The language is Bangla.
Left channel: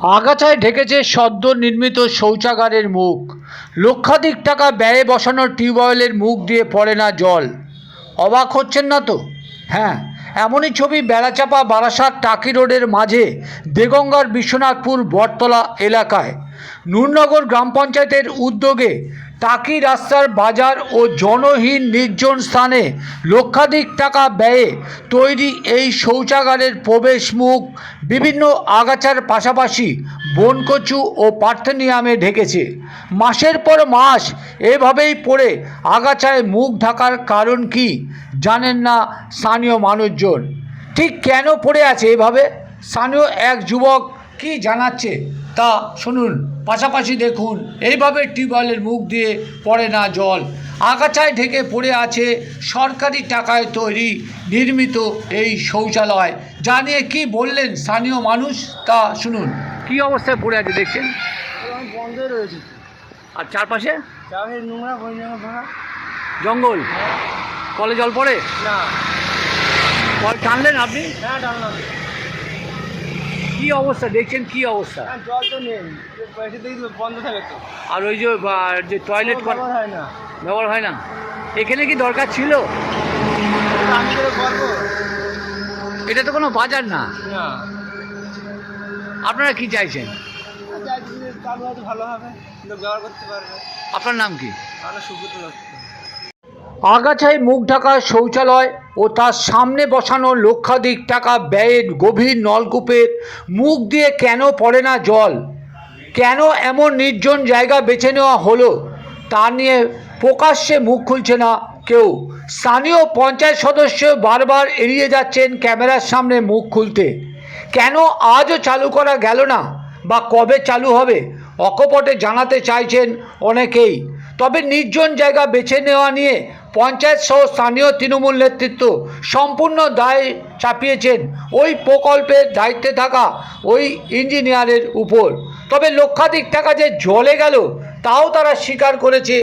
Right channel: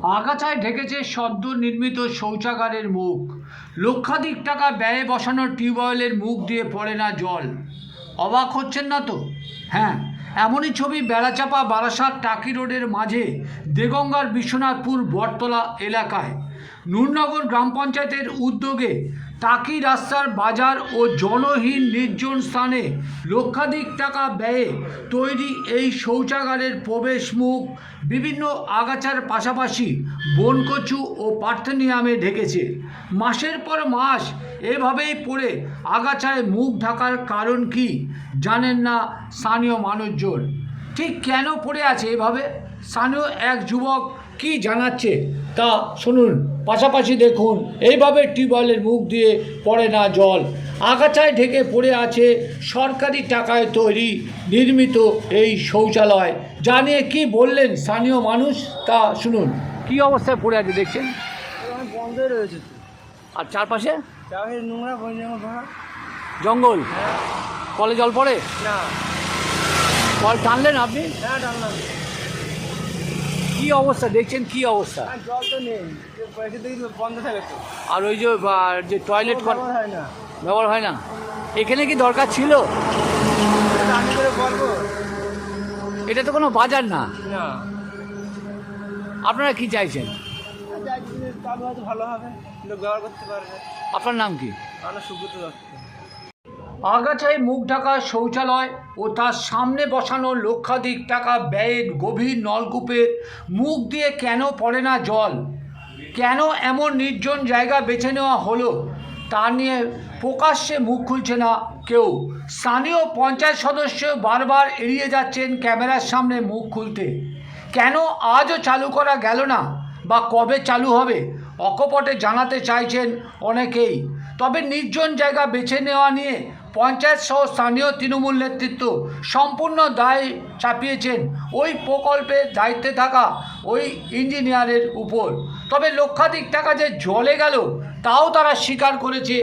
আগাছায় ঢেকেছে সদ্য নির্মিত শৌচাগারের মুখ। লক্ষাধিক টাকা ব্যয়ে বসানো টিউবওয়েলের মুখ দিয়ে পড়ে না জল। অবাক হচ্ছেন না তো? হ্যাঁ এমনই ছবি বেড়াচাপা বারাসাত টাকি রোডের মাঝে দেগঙ্গার বিশ্বনাথপুর বটতলা এলাকায়। নূরনগর গ্রাম পঞ্চায়েতের উদ্যোগে টাকি রাস্তার বাজার ও জনহীন নির্জন স্থানে লক্ষাধিক টাকা ব্যয়ে তৈরি এই শৌচাগারের প্রবেশ মুখ বিভিন্ন আগাছার পাশাপাশি বনকচু ও পার্থেনিয়ামে ঢেকেছে। মাসের পর মাস এভাবেই পড়ে আগাছায় মুখ ঢাকার কারণ কি জানেন না স্থানীয় মানুষজন। ঠিক কেন পড়ে আছে এভাবে? স্থানীয় এক যুবক কি জানাচ্ছে? তা শুনুন পাশাপাশি দেখুন। এইভাবে টিউবওয়েলের মুখ দিয়ে পড়ে না জল। আগাছায় ঢেকে পড়ে আছে সরকারি টাকায় তৈরি নির্মিত এই শৌচালয়। যা নিয়ে কী বললেন স্থানীয় মানুষ? তা শুনুন। কি অবস্থায় পড়ে আছে দেখছেন? বন্ধই রয়েছে। আর চারপাশে? নোংরা বই জামা জঙ্গল? কলে জল পড়ে? না। কল টানলেন আপনি? হ্যাঁ টানলাম। কি অবস্থা? দেখছেন কি অবস্থা? জল তো নেই। বন্ধ থাকে তো। আর ওই যে যে টয়লেট কর ব্যবহার হয় না। ব্যবহার হয় না? এখানে কি দরকার ছিল? এটা আমি এটা তো কোনো বাজার না। না। আপনারা কি চাইছেন? ভালো হবে। ব্যবহার করতে পারবে। আপনার নাম কি? আমরা সুব্রত দত্ত। আগাছায় মুখ ঢাকা শৌচালয় ও তার সামনে বসানো লক্ষাধিক টাকা ব্যয়ের গভীর নলকূপের মুখ দিয়ে কেন পড়ে না জল? কেন এমন নির্জন জায়গা বেছে নেওয়া হলো? তা নিয়ে প্রকাশ্যে মুখ খুলছে না কেউ। স্থানীয় পঞ্চায়েত সদস্য বারবার এড়িয়ে যাচ্ছেন ক্যামেরার সামনে মুখ খুলতে। কেন আজও চালু করা গেল না বা কবে চালু হবে? অকপটে জানাতে চাইছেন অনেকেই। তবে নির্জন জায়গা বেছে নেওয়া নিয়ে পঞ্চায়েত সহ স্থানীয় তৃণমূল নেতৃত্ব সম্পূর্ণ দায় চাপিয়েছেন। ওই প্রকল্পের দায়িত্বে থাকা ওই ইঞ্জিনিয়ারের উপর। তবে লক্ষাধিক টাকা যে জলে গেল, তাও তারা স্বীকার করেছে।